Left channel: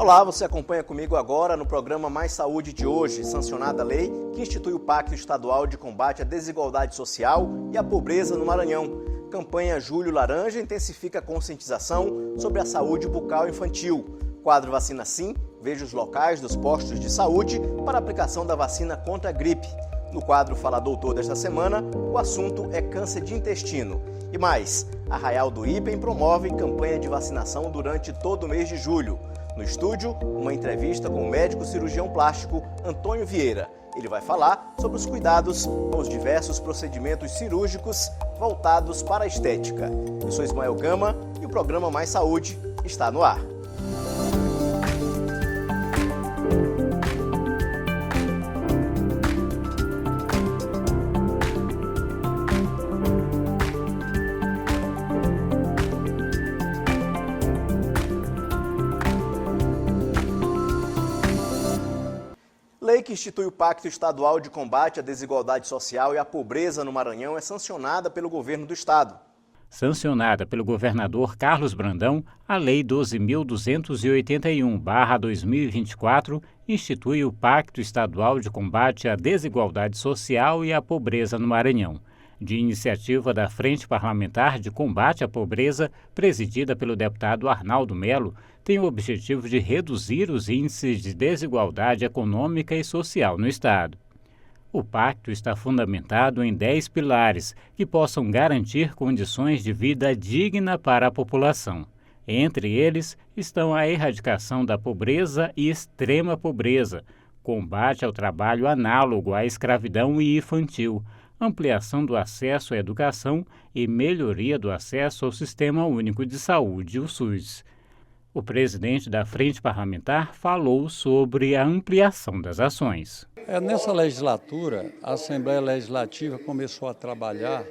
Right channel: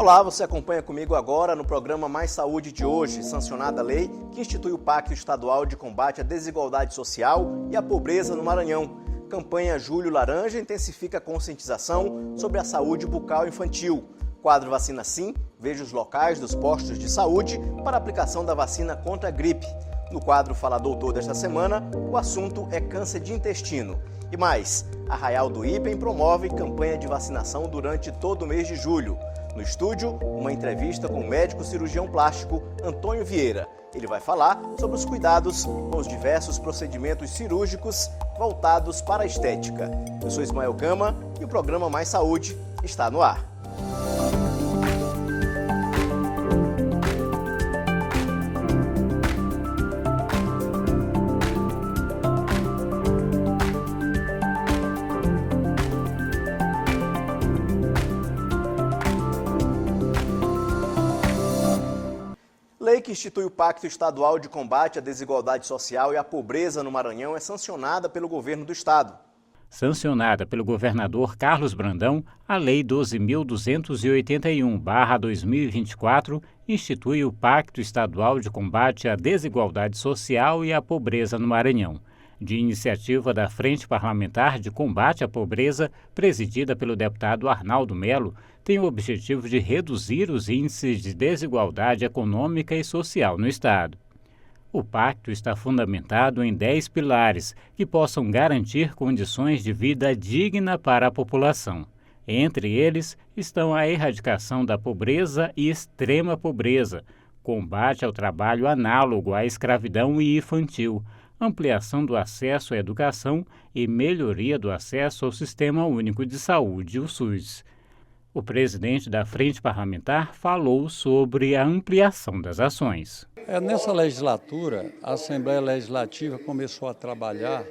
Olá, você acompanha comigo agora no programa Mais Saúde de hoje, sancionada a lei que institui o Pacto Estadual de Combate à Desigualdade Social e à Pobreza no Maranhão. Campanha Julho Laranja intensifica a conscientização sobre a saúde bucal infantil. Quadro Vacina Sim, veja os locais dos postos de saúde para a aplicação da vacina contra a gripe. No quadro Fala Doutor desta semana, o assunto é câncer de intestino. E mais, Arraial do Ipen promove campanha de vacinação durante todo o mês de julho. No estúdio, uma entrevista com o médico cirurgião plástico Antônio Vieira. Ele vai falar sobre os cuidados com os diversos procedimentos cirúrgicos voltados para a estética. Eu sou Ismael Gama e o programa Mais Saúde está no ar. Lei que institui o Pacto Estadual de Combate à Desigualdade Social e à Pobreza no Maranhão é sancionada pelo governo do estado. Sancionada pelo governador Carlos Brandão, a Lei 12.281/2024 institui o Pacto Estadual de Combate à Desigualdade Social e à Pobreza no Maranhão. De iniciativa da Frente Parlamentar de Combate à Pobreza, presidida pelo deputado Arnaldo Melo, tem o objetivo de reduzir os índices de desigualdade econômica e social no estado. O pacto está fundamentado em 10 pilares que possam garantir condições de vida digna para a população. Entre eles estão a erradicação da pobreza e extrema pobreza, combate ao trabalho análogo à escravidão e infantil, ampliação do acesso à educação e melhoria do acesso ao Sistema Único de Saúde, o SUS. O presidente da Frente Parlamentar falou sobre a ampliação das ações. Nessa legislatura, a Assembleia Legislativa começou a trabalhar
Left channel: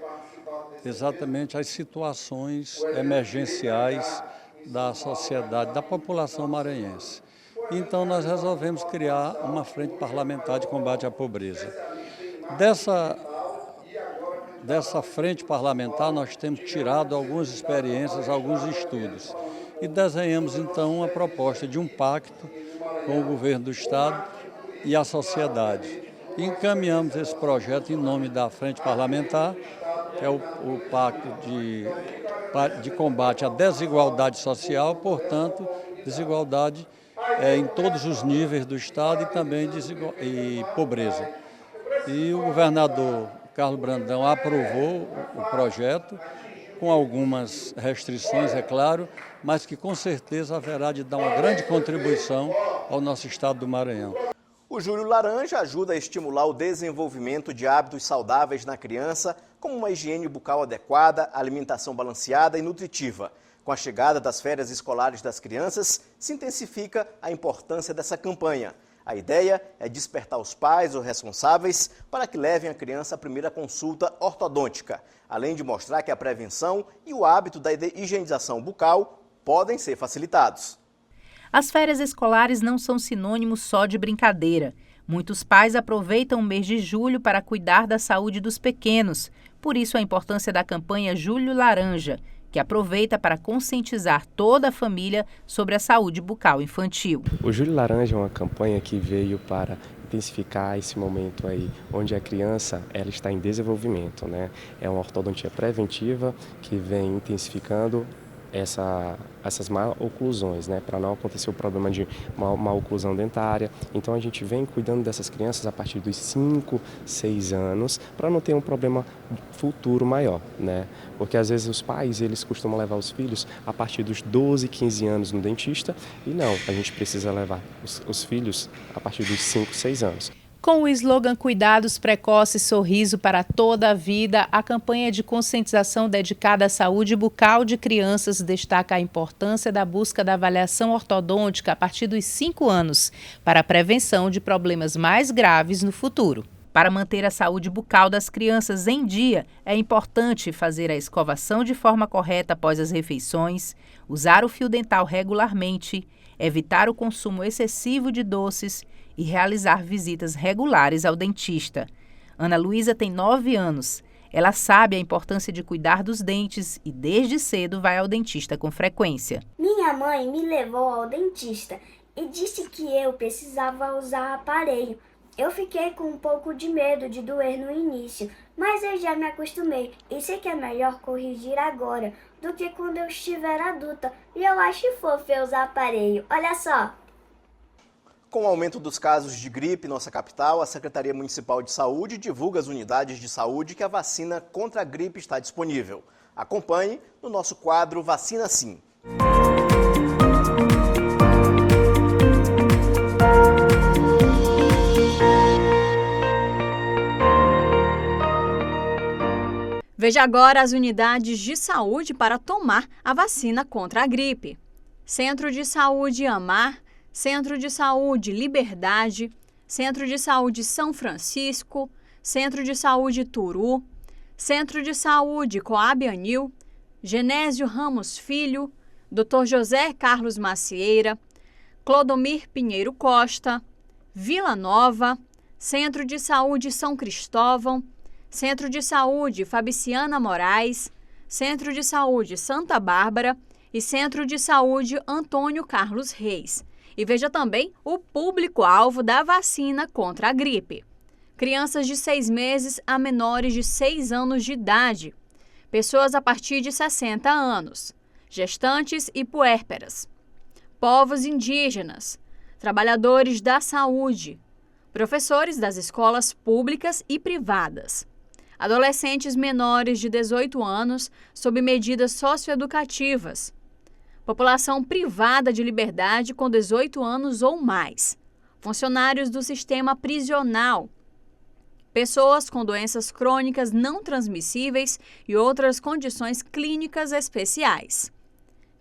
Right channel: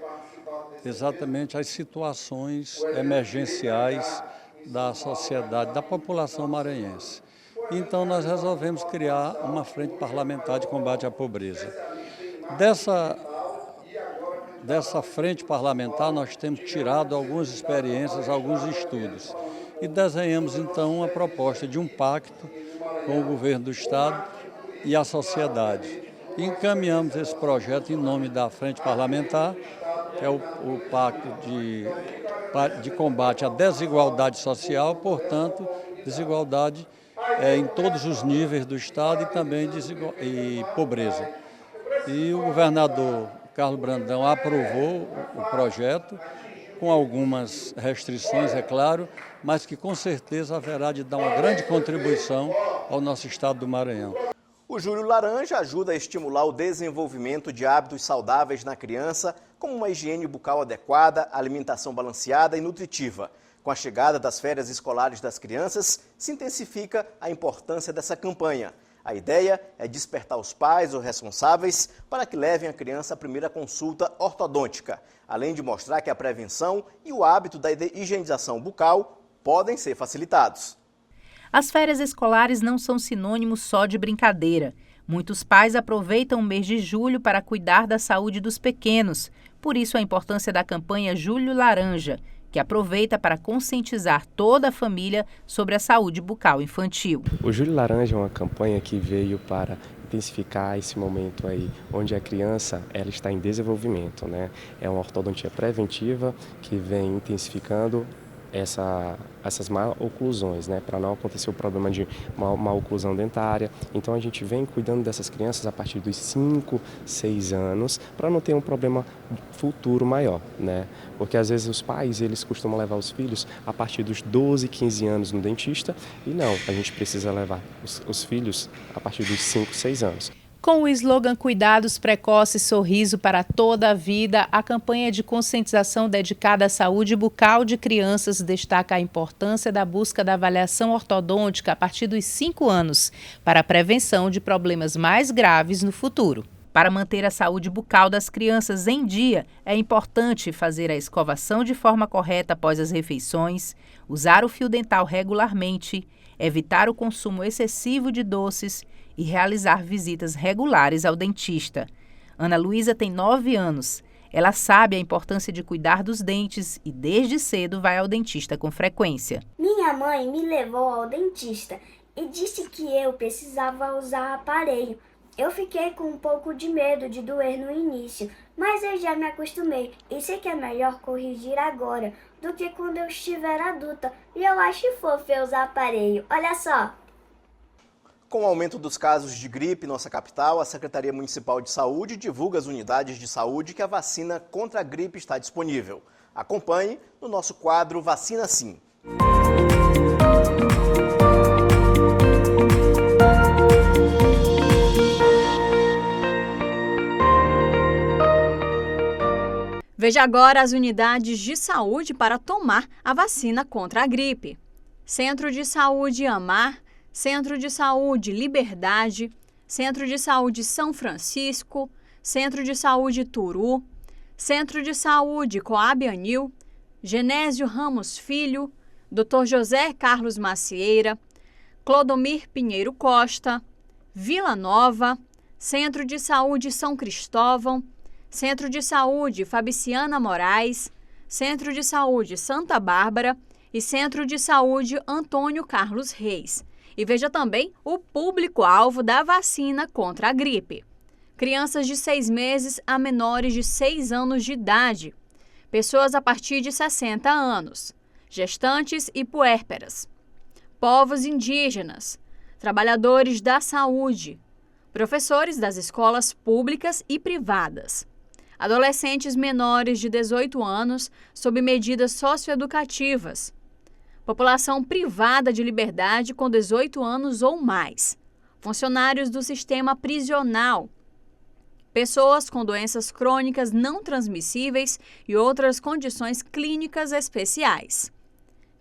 exatamente as situações emergenciais da sociedade, da população maranhense. Então, nós resolvemos criar uma Frente Parlamentar de Combate à Pobreza. Dessa frente parlamentar, nós temos tirado algumas experiências, alguns estudos. E desenhamos, então, uma proposta de um pacto com o governo do estado e a sociedade. E encaminhamos esse projeto em nome da Frente Parlamentar, que é o Pacto de Combate à Desigualdade Social, portanto, desigualdade em todos os níveis do estado e também e pobreza. E o governador Carlos Brandão aprovou o projeto, com algumas restrições, é claro, mas que com certeza haverá de dar uma grande contribuição ao nosso estado do Maranhão. O Julho Laranja ajuda a estimular o desenvolvimento de hábitos saudáveis na criança, como uma higiene bucal adequada, alimentação balanceada e nutritiva. Com a chegada das férias escolares das crianças, se intensifica a importância dessa campanha. A ideia é despertar os pais ou responsáveis para que levem a criança à primeira consulta ortodôntica, além de mostrar que a prevenção e o hábito da higienização bucal podem ser facilitados. As férias escolares não são sinônimos só de brincadeira. Muitos pais aproveitam o mês de julho para cuidar da saúde dos pequenos. Por isso a importância da campanha Julho Laranja, que aproveita para conscientizar toda a família sobre a saúde bucal infantil. O Julho Laranja é uma campanha que veio para intensificar esse momento aí, onde a criança ela está em desenvolvimento, né? É uma ortodontia preventiva que vem intensificando essas mal-oclusões, né, para não acontecer o problema de mal-oclusão dentária. Então a gente vem cuidando dessas crianças a partir dos 5, 6 anos, para não ter um problema futuro maior, né? Porque às vezes os pais, eles costumam levar os filhos a partir dos 12, 15 anos no dentista, e não, a gente precisa levar os filhos a partir dos 5, 6 anos. Com o slogan Cuidados Precoces, Sorriso para toda a Vida, a campanha de conscientização dedicada à saúde bucal de crianças destaca a importância da busca da avaliação ortodôntica a partir dos 5 anos, para a prevenção de problemas mais graves no futuro. Para manter a saúde bucal das crianças em dia, é importante fazer a escovação de forma correta após as refeições, usar o fio dental regularmente, evitar o consumo excessivo de doces e realizar visitas regulares ao dentista. Ana Luísa tem 9 anos. Ela sabe a importância de cuidar dos dentes e desde cedo vai ao dentista com frequência. Minha mãe me levou ao dentista e disse que eu precisava usar aparelho. Eu fiquei com um pouco de medo de doer no início, mas eu já me acostumei e sei que é melhor corrigir agora do que quando eu estiver adulta. E eu acho fofo eu usar aparelho. Olha só! Com o aumento dos casos de gripe em nossa capital, a Secretaria Municipal de Saúde divulga às unidades de saúde que a vacina contra a gripe está disponível. Acompanhe no nosso quadro Vacina Sim. Veja agora as unidades de saúde para tomar a vacina contra a gripe. Centro de Saúde Amar, Centro de Saúde Liberdade, Centro de Saúde São Francisco, Centro de Saúde Turu, Centro de Saúde Coab Anil, Genésio Ramos Filho, Dr. José Carlos Macieira, Clodomir Pinheiro Costa, Vila Nova, Centro de Saúde São Cristóvão, Centro de Saúde Fabriciana Moraes, Centro de Saúde Santa Bárbara e Centro de Saúde Antônio Carlos Reis. E veja também o público-alvo da vacina contra a gripe. Crianças de 6 meses a menores de 6 anos de idade, pessoas a partir de 60 anos, gestantes e puérperas, povos indígenas, trabalhadores da saúde, professores das escolas públicas e privadas, adolescentes menores de 18 anos sob medidas socioeducativas, população privada de liberdade com 18 anos ou mais, funcionários do sistema prisional, pessoas com doenças crônicas não transmissíveis e outras condições clínicas especiais,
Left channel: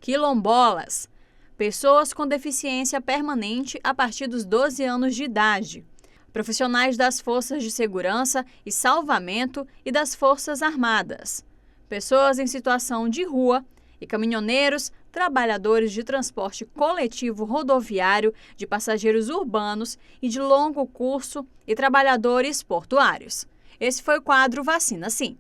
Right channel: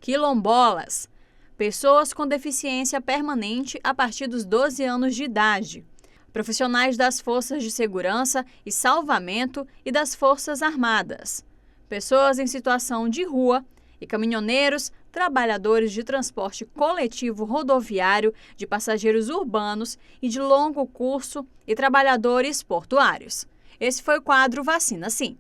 quilombolas, pessoas com deficiência permanente a partir dos 12 anos de idade, profissionais das forças de segurança e salvamento e das Forças Armadas, pessoas em situação de rua e caminhoneiros, trabalhadores de transporte coletivo rodoviário, de passageiros urbanos e de longo curso e trabalhadores portuários. Esse foi o quadro Vacina Sim.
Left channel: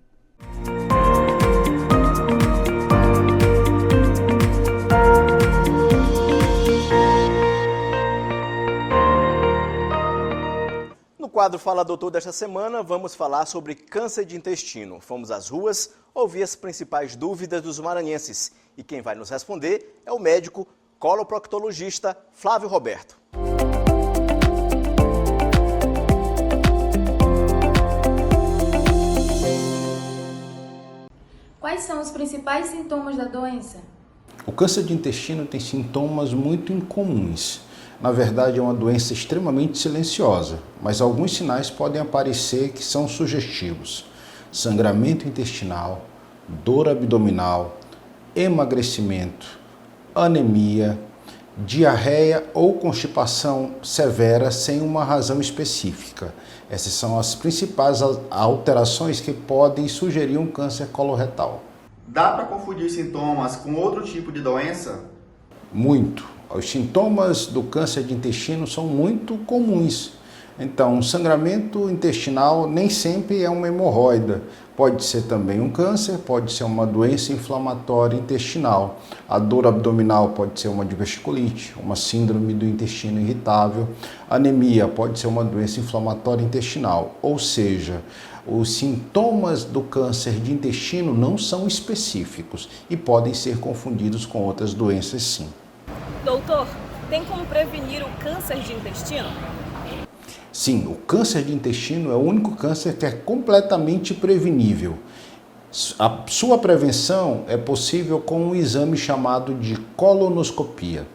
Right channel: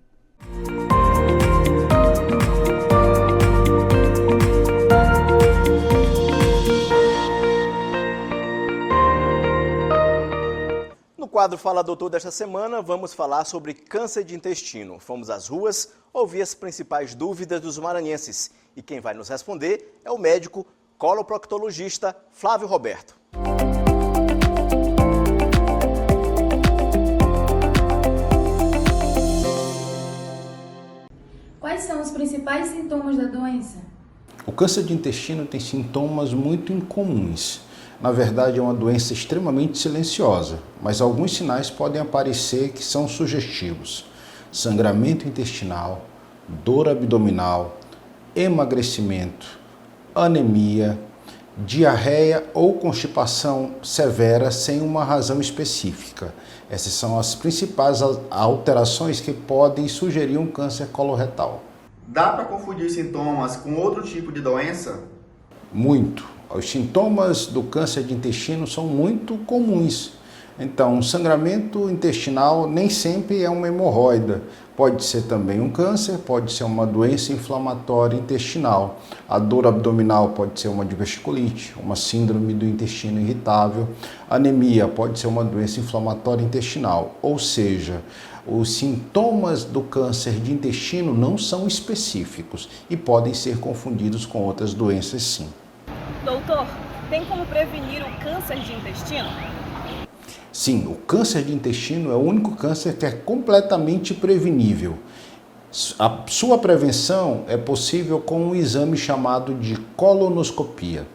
No quadro Fala Doutor desta semana, vamos falar sobre câncer de intestino. Fomos às ruas ouvir as principais dúvidas dos maranhenses. E quem vai nos responder é o médico coloproctologista Flávio Roberto. Quais são os principais sintomas da doença? O câncer de intestino tem sintomas muito incomuns. Na verdade, é uma doença extremamente silenciosa, mas alguns sinais podem aparecer que são sugestivos. Sangramento intestinal, dor abdominal, emagrecimento, anemia, diarreia ou constipação severa sem uma razão específica. Essas são as principais alterações que podem sugerir um câncer coloretal. Dá para confundir sintomas com outro tipo de doença? Muito. Os sintomas do câncer de intestino são muito comuns. Então, sangramento intestinal nem sempre é uma hemorroida. Pode ser também um câncer, pode ser uma doença inflamatória intestinal. A dor abdominal pode ser uma diverticulite, uma síndrome do intestino irritável. Anemia pode ser uma doença inflamatória intestinal. Ou seja, os sintomas do câncer de intestino não são específicos e podem ser confundidos com outras doenças, sim. Doutor, tem como prevenir o câncer de intestino? Sim, o câncer de intestino é o único câncer que é completamente prevenível. A sua prevenção é possível com um exame chamado de colonoscopia.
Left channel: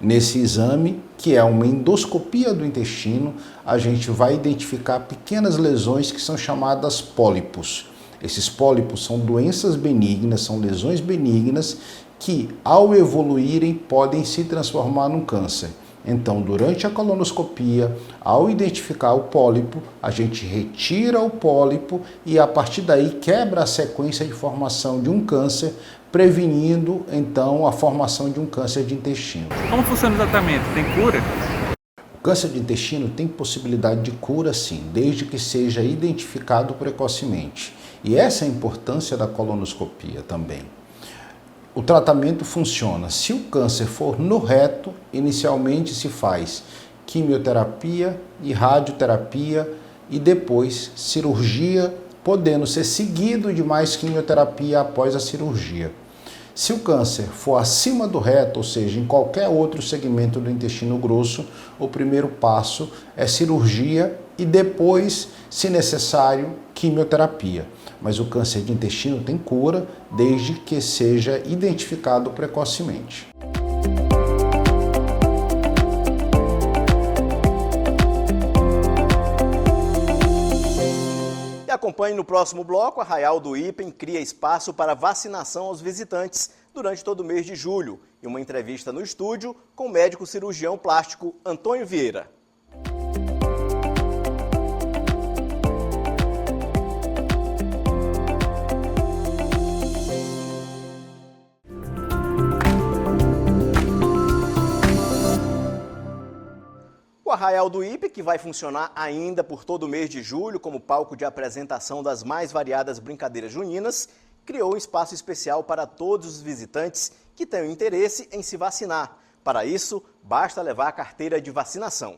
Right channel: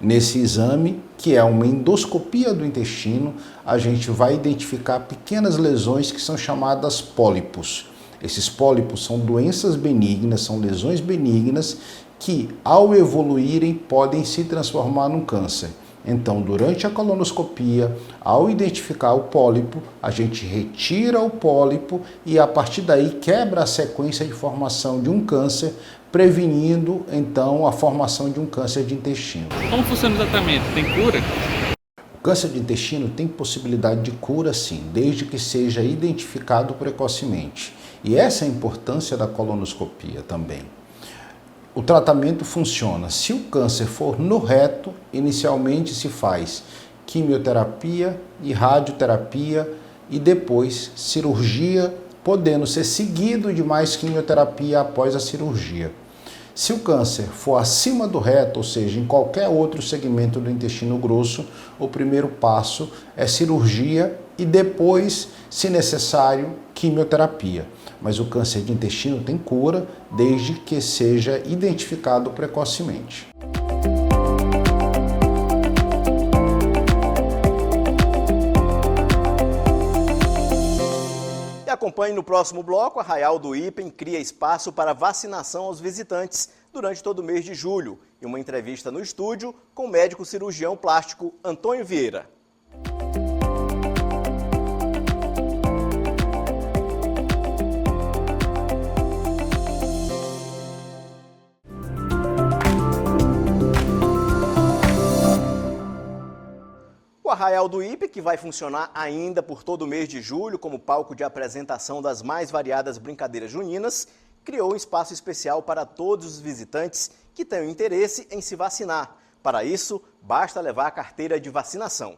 Nesse exame, que é uma endoscopia do intestino, a gente vai identificar pequenas lesões que são chamadas pólipos. Esses pólipos são doenças benignas, são lesões benignas que, ao evoluírem, podem se transformar num câncer. Então, durante a colonoscopia, ao identificar o pólipo, a gente retira o pólipo e, a partir daí, quebra a sequência de formação de um câncer, prevenindo, então, a formação de um câncer de intestino. Como funciona o tratamento? Tem cura? O câncer de intestino tem possibilidade de cura, sim, desde que seja identificado precocemente. E essa é a importância da colonoscopia também. o tratamento funciona. Se o câncer for no reto, inicialmente se faz quimioterapia e radioterapia e depois cirurgia, podendo ser seguido de mais quimioterapia após a cirurgia. Se o câncer for acima do reto, ou seja, em qualquer outro segmento do intestino grosso, o primeiro passo é cirurgia e depois, se necessário, quimioterapia. Mas o câncer de intestino tem cura desde que seja identificado precocemente. E acompanhe no próximo bloco, Arraial do Ipem cria espaço para vacinação aos visitantes durante todo o mês de julho. E uma entrevista no estúdio com o médico cirurgião plástico Antônio Vieira. O Arraial do Ipem, que vai funcionar ainda por todo o mês de julho como palco de apresentação das mais variadas brincadeiras juninas, criou um espaço especial para todos os visitantes que tenham interesse em se vacinar. Para isso, basta levar a carteira de vacinação.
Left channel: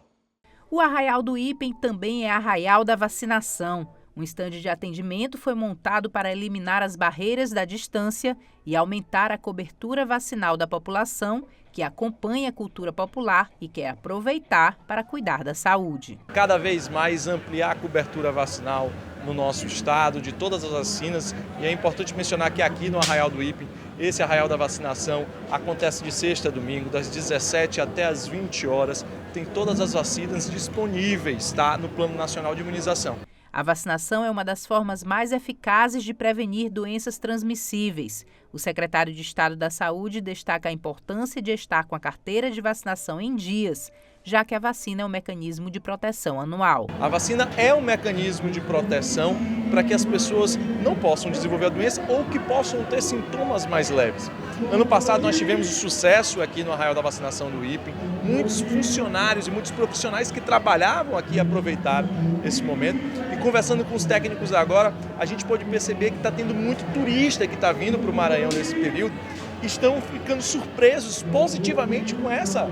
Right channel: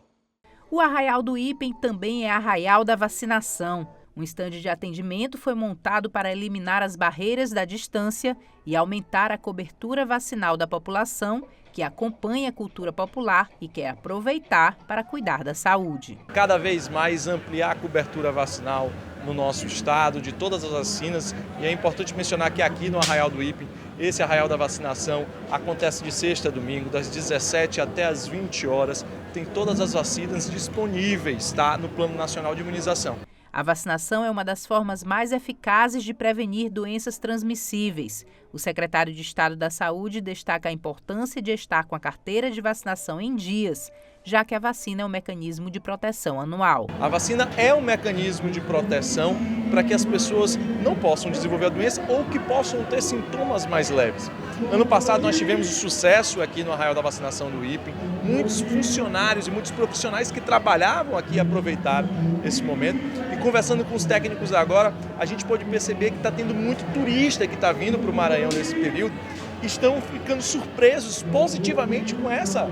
O Arraial do Ipem também é Arraial da Vacinação. Um estande de atendimento foi montado para eliminar as barreiras da distância e aumentar a cobertura vacinal da população que acompanha a cultura popular e quer aproveitar para cuidar da saúde. Cada vez mais ampliar a cobertura vacinal no nosso estado, de todas as vacinas, e é importante mencionar que aqui no Arraial do Ipem, esse Arraial da Vacinação acontece de sexta a domingo, das 17 até as 20 horas, tem todas as vacinas disponíveis, tá, no Plano Nacional de Imunização. A vacinação é uma das formas mais eficazes de prevenir doenças transmissíveis. O secretário de Estado da Saúde destaca a importância de estar com a carteira de vacinação em dias, já que a vacina é um mecanismo de proteção anual. A vacina é um mecanismo de proteção para que as pessoas não possam desenvolver a doença ou que possam ter sintomas mais leves. Ano passado nós tivemos um sucesso aqui no Arraial da Vacinação do Ipem. Muitos funcionários e muitos profissionais que trabalhavam aqui aproveitaram esse momento. E conversando com os técnicos agora, a gente pode perceber que está tendo muito turista que está vindo para o Maranhão nesse período. Estão ficando surpresos positivamente com essa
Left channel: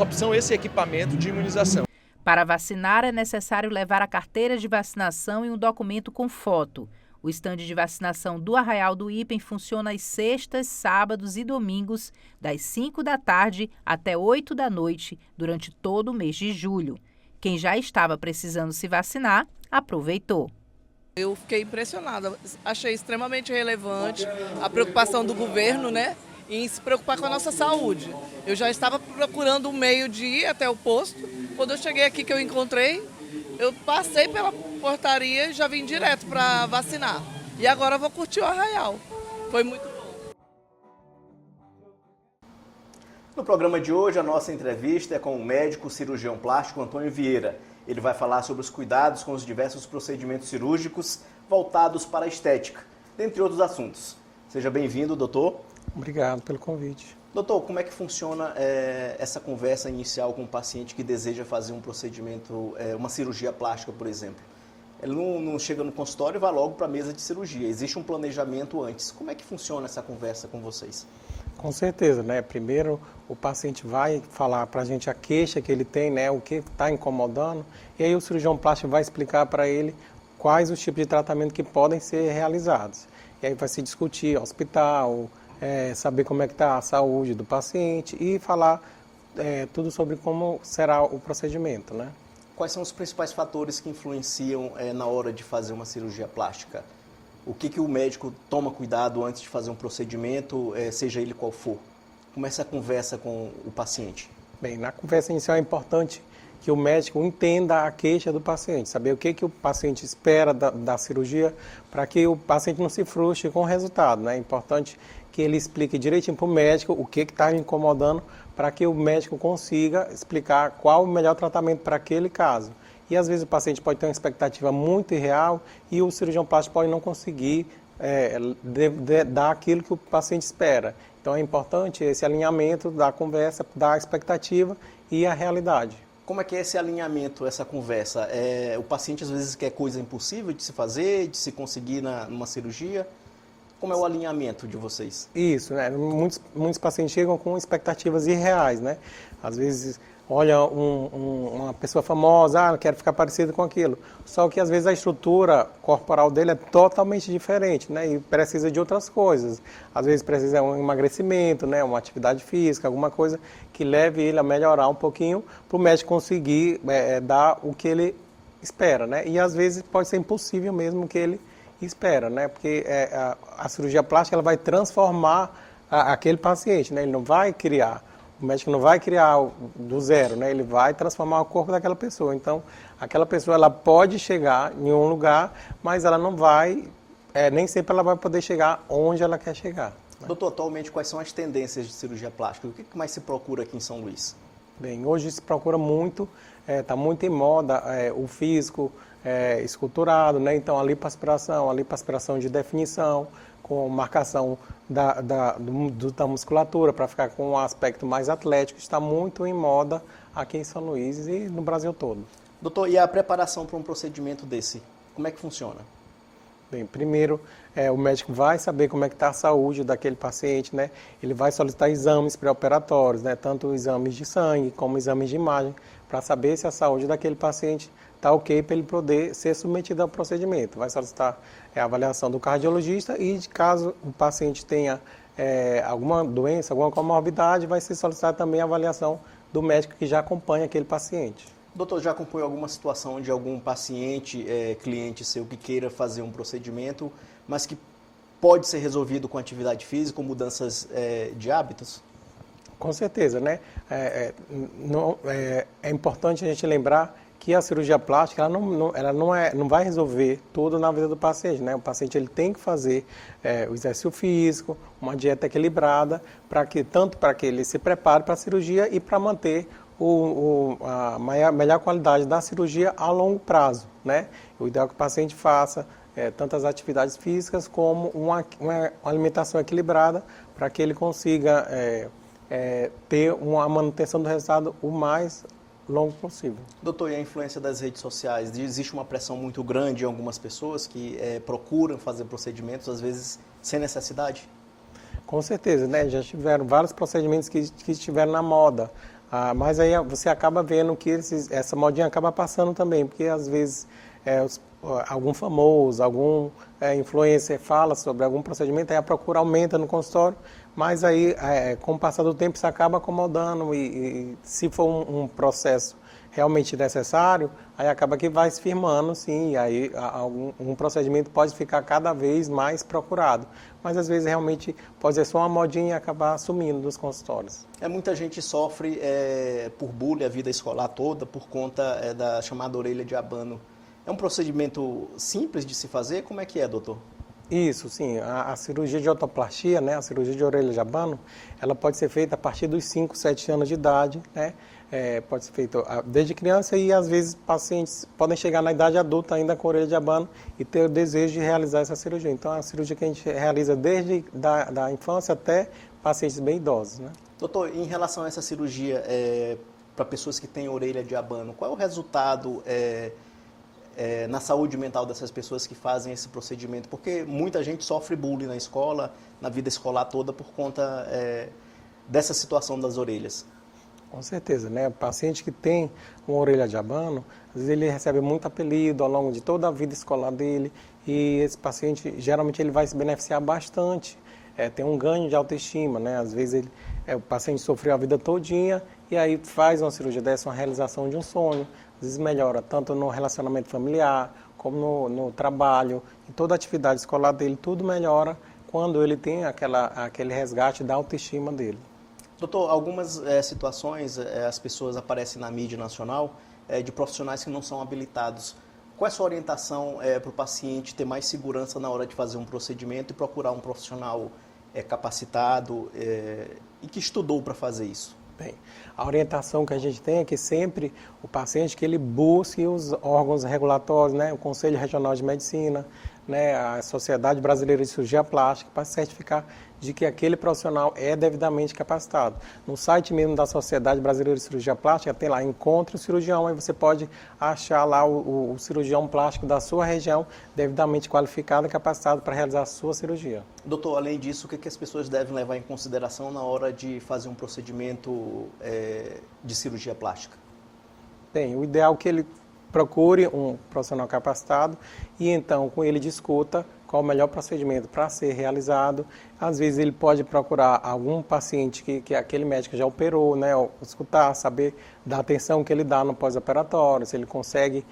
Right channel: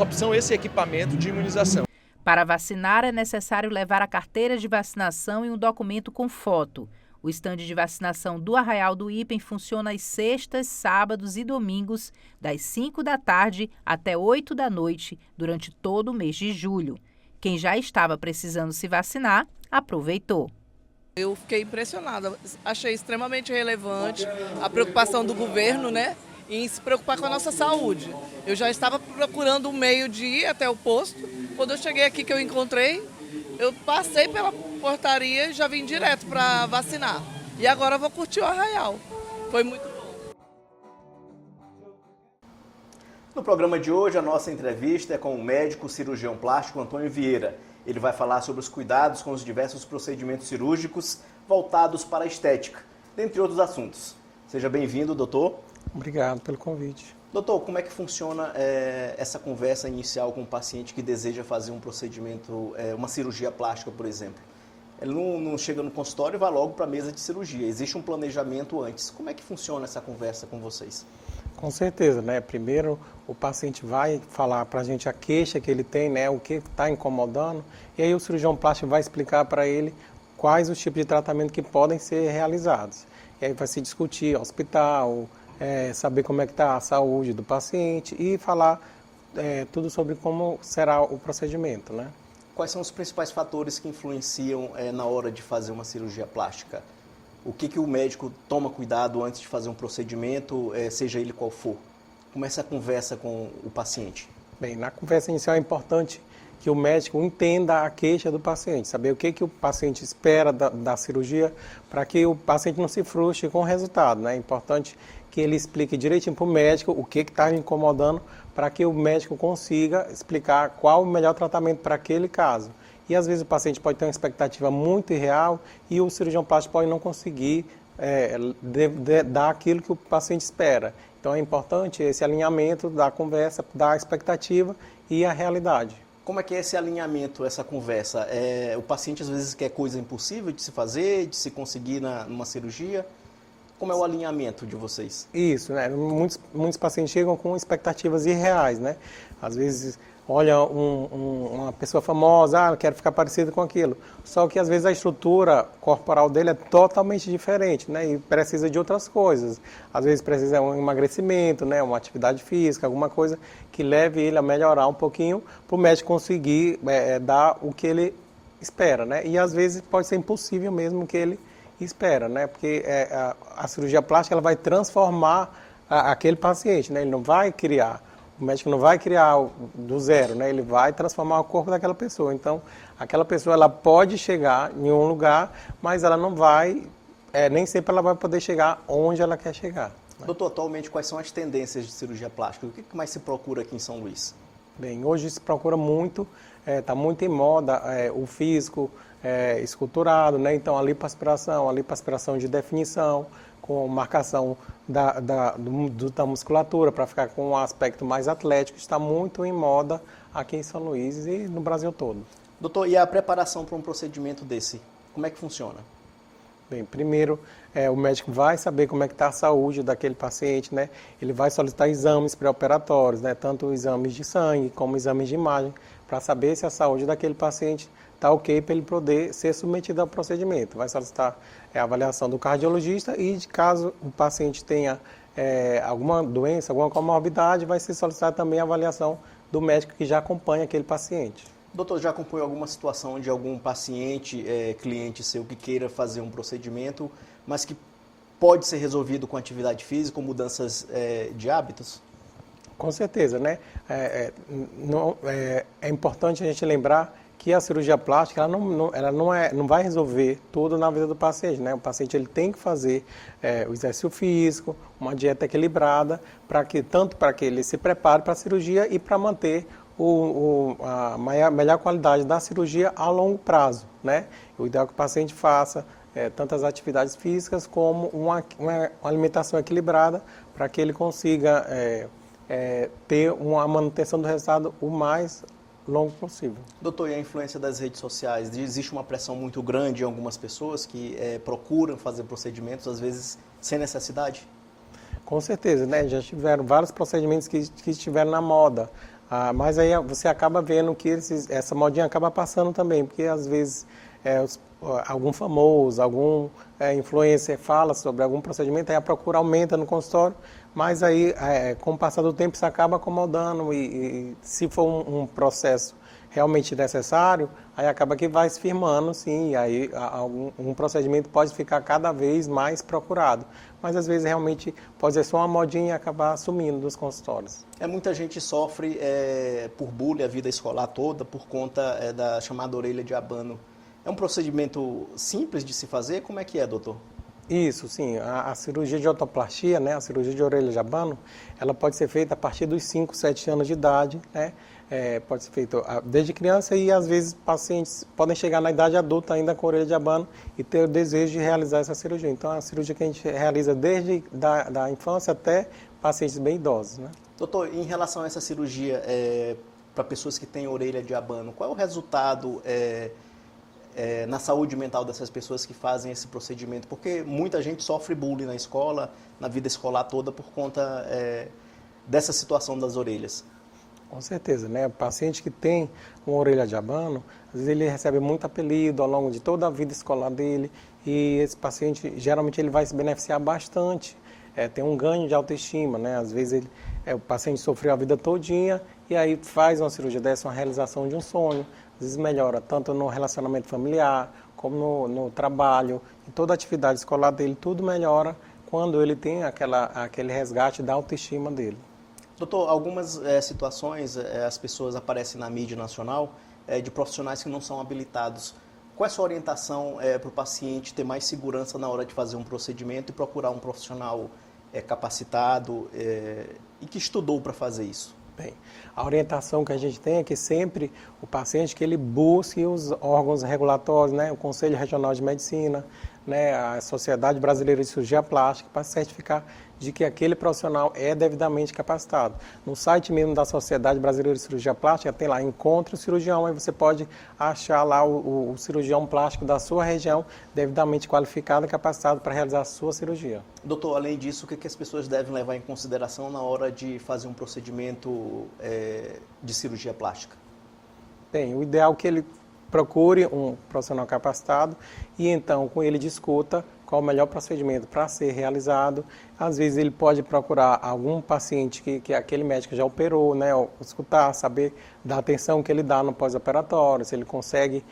opção, esse equipamento de imunização. Para vacinar, é necessário levar a carteira de vacinação e um documento com foto. O estande de vacinação do Arraial do Ipem funciona às sextas, sábados e domingos, das 5 da tarde até 8 da noite, durante todo o mês de julho. Quem já estava precisando se vacinar, aproveitou. Eu fiquei impressionada, achei extremamente relevante a preocupação do governo, né, em se preocupar com a nossa saúde. Eu já estava procurando um meio de ir até o posto, quando eu cheguei aqui que eu encontrei, eu passei pela portaria e já vim direto para vacinar. E agora eu vou curtir o Arraial, foi muito bom. No programa de hoje, a nossa entrevista é com o médico cirurgião plástico Antônio Vieira. Ele vai falar sobre os cuidados com os diversos procedimentos cirúrgicos voltados para a estética, dentre outros assuntos. Seja bem-vindo, doutor. Obrigado pelo convite. Doutor, como é que funciona essa conversa inicial com o paciente que deseja fazer um procedimento, uma cirurgia plástica, por exemplo? Ele não chega no consultório e vai logo para a mesa de cirurgia. Existe um planejamento antes. Como é que funciona essa conversa com vocês? Com certeza, né? Primeiro o paciente vai falar para a gente a queixa que ele tem, né? O que está incomodando, e aí o cirurgião plástico vai explicar para ele quais os tipos de tratamento que podem ser realizados. E aí vai se discutir hospital, saber como é que está a saúde do paciente e falar tudo sobre como será o procedimento, né? Quais são os principais fatores que influenciam na hora de fazer uma cirurgia plástica? O que o médico toma cuidado antes de fazer um procedimento, seja ele qual for? Como é essa conversa com o paciente? Bem, na conversa inicial é importante que o médico entenda a queixa do paciente, saber o que o paciente espera da cirurgia, para que o paciente não se frustre com o resultado, né? É importante que ele explique direitinho para o médico o que está incomodando, para que o médico consiga explicar qual o melhor tratamento para aquele caso. E às vezes o paciente pode ter uma expectativa muito irreal e o cirurgião plástico pode não conseguir dar aquilo que o paciente espera. Então é importante esse alinhamento da conversa, da expectativa e a realidade. Como é que é esse alinhamento, essa conversa? O paciente às vezes quer coisa impossível de se fazer, de se conseguir numa cirurgia? Como é o alinhamento de vocês? Isso, né? Muitos pacientes chegam com expectativas irreais, né? Às vezes olha uma pessoa famosa, quero ficar parecido com aquilo. Só que às vezes a estrutura corporal dele é totalmente diferente, né? E precisa de outras coisas. Às vezes precisa de um emagrecimento, né? Uma atividade física, alguma coisa que leve ele a melhorar um pouquinho para o médico conseguir dar o que ele espera, né? E às vezes pode ser impossível mesmo que ele espera, né? Porque a cirurgia plástica ela vai transformar aquele paciente, né? Ele não vai criar. O médico não vai criar do zero, né? Ele vai transformar o corpo daquela pessoa. Então, aquela pessoa ela pode chegar em um lugar, mas ela não vai, nem sempre ela vai poder chegar onde ela quer chegar. Né? Doutor, atualmente quais são as tendências de cirurgia plástica? O que mais se procura aqui em São Luís? Bem, hoje se procura muito, está muito em moda o físico esculturado, né? Então a lipoaspiração de definição, com marcação da musculatura para ficar com um aspecto mais atlético, está muito em moda aqui em São Luís e no Brasil todo. Doutor, e a preparação para um procedimento desse, como é que funciona? Bem, primeiro, o médico vai saber como é que está a saúde daquele paciente, né? Ele vai solicitar exames pré-operatórios, né? Tanto exames de sangue como exames de imagem, para saber se a saúde daquele paciente está ok para ele poder ser submetido ao procedimento. Vai solicitar a avaliação do cardiologista e, caso o paciente tenha alguma doença, alguma comorbidade, vai ser solicitada também a avaliação do médico que já acompanha aquele paciente. Doutor, já acompanhou alguma situação de algum paciente, cliente seu, que queira fazer um procedimento, mas que pode ser resolvido com atividade física ou mudanças de hábitos? Com certeza, né? É importante a gente lembrar que a cirurgia plástica ela não vai resolver tudo na vida do paciente, né? O paciente ele tem que fazer o exercício físico, uma dieta equilibrada, tanto para que ele se prepare para a cirurgia e para manter a melhor qualidade da cirurgia a longo prazo, né? O ideal é que o paciente faça tantas atividades físicas como uma alimentação equilibrada para que ele consiga ter uma manutenção do resultado o mais longo possível. Doutor, e a influência das redes sociais? Existe uma pressão muito grande em algumas pessoas que procuram fazer procedimentos, às vezes, sem necessidade? Com certeza, né? Já tiveram vários procedimentos que estiveram na moda. Mas aí você acaba vendo que essa modinha acaba passando também, porque às vezes algum famoso, algum influencer fala sobre algum procedimento, aí a procura aumenta no consultório, mas aí com o passar do tempo isso acaba acomodando e se for um processo realmente necessário, aí acaba que vai se firmando, sim, e aí um procedimento pode ficar cada vez mais procurado. Mas às vezes realmente pode ser só uma modinha e acabar sumindo dos consultórios. Muita gente sofre por bullying a vida escolar toda por conta da chamada orelha de abano. É um procedimento simples de se fazer? Como é que é, doutor? Isso, sim. A cirurgia de otoplastia, né, a cirurgia de orelha de abano, ela pode ser feita a partir dos 5, 7 anos de idade, né? Pode ser feito desde criança e às vezes pacientes podem chegar na idade adulta ainda com orelha de abano e ter o desejo de realizar essa cirurgia. Então é uma cirurgia que a gente realiza desde da infância até pacientes bem idosos, né? Doutor, em relação a essa cirurgia para pessoas que têm orelha de abano, qual é o resultado na saúde mental dessas pessoas que fazem esse procedimento? Porque muita gente sofre bullying na escola, na vida escolar toda, por conta dessa situação das orelhas. Com certeza, né? O paciente que tem uma orelha de abano, às vezes ele recebe muito apelido ao longo de toda a vida escolar dele e esse paciente, geralmente, ele vai se beneficiar bastante, tem um ganho de autoestima, né? Às vezes o paciente sofreu a vida todinha e aí faz uma cirurgia dessa, uma realização de um sonho, às vezes melhora tanto no relacionamento familiar, como no trabalho, e toda a atividade escolar dele, tudo melhora quando ele tem aquele resgate da autoestima dele. Doutor, algumas situações as pessoas aparecem na mídia nacional de profissionais que não são habilitados. Qual é a sua orientação para o paciente ter mais segurança na hora de fazer um procedimento e procurar um profissional capacitado e que estudou para fazer isso? Bem, a orientação que a gente tem é que sempre o paciente que ele busque os órgãos regulatórios, né, o Conselho Regional de Medicina, né, a Sociedade Brasileira de Cirurgia Plástica, para certificar de que aquele profissional é devidamente capacitado. No site mesmo da Sociedade Brasileira de Cirurgia Plástica, tem lá Encontre o Cirurgião, aí você pode achar lá o cirurgião plástico da sua região, devidamente qualificado e capacitado para realizar a sua cirurgia. Doutor, além disso, o que as pessoas devem levar em consideração na hora de fazer um procedimento de cirurgia plástica? Bem, o ideal é que ele procure um profissional capacitado e então com ele discuta qual o melhor procedimento para ser realizado. Às vezes ele pode procurar algum paciente que aquele médico já operou, né, escutar, saber da atenção que ele dá no pós-operatório, se ele consegue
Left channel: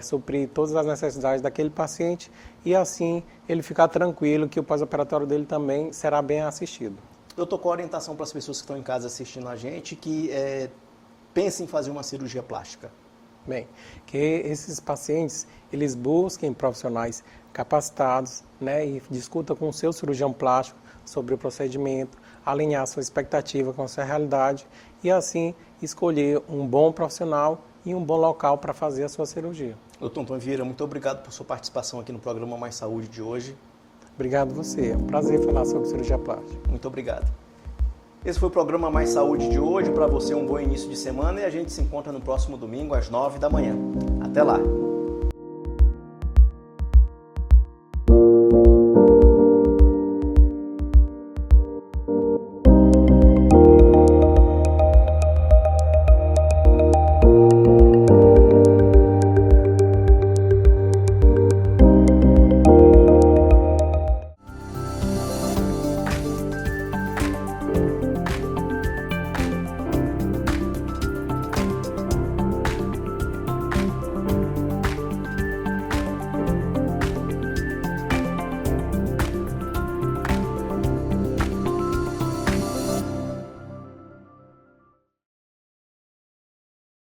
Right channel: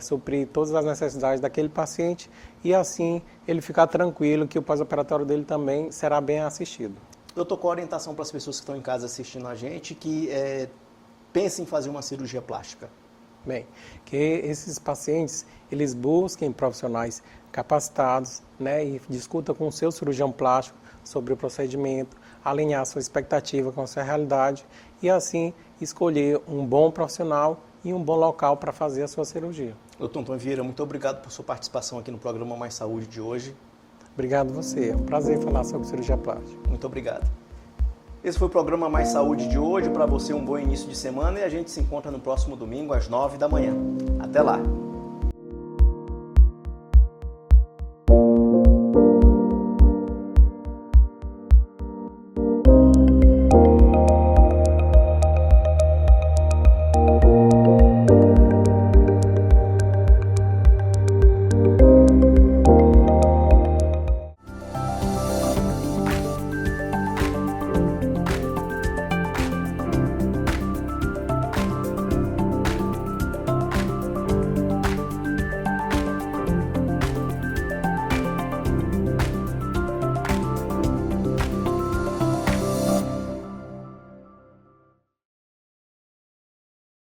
suprir todas as necessidades daquele paciente e assim ele ficar tranquilo que o pós-operatório dele também será bem assistido. Doutor, qual a orientação para as pessoas que estão em casa assistindo a gente que pensem em fazer uma cirurgia plástica? Bem, que esses pacientes, eles busquem profissionais capacitados, né, e discutam com o seu cirurgião plástico sobre o procedimento, alinhar sua expectativa com a sua realidade e assim escolher um bom profissional e um bom local para fazer a sua cirurgia. Doutor Antônio Vieira, muito obrigado por sua participação aqui no programa Mais Saúde de hoje. Obrigado você, é um prazer falar sobre cirurgia plástica. Muito obrigado. Esse foi o programa Mais Saúde de hoje. Para você, um bom início de semana e a gente se encontra no próximo domingo às 9 da manhã. Até lá!